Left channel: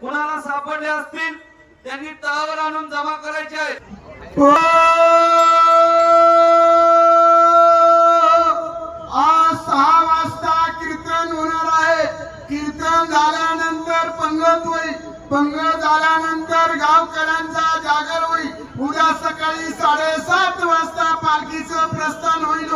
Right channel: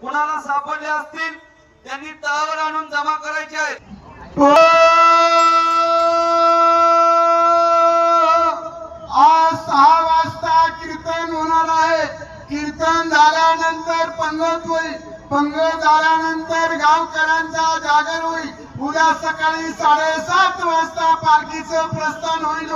कुणाला सापडले असतील त्यांनी तळावर आणून जमा करायचे आहेत। आज 6 वाजता कीर्तन होणार आहे। कीर्तन झाल्यानंतर पंगत होईल। पंगत झाल्यानंतर गावकऱ्यांचा जागर होईल। उद्या सकाळी 7:30 वाजता पालखीचं प्रस्थान होईल।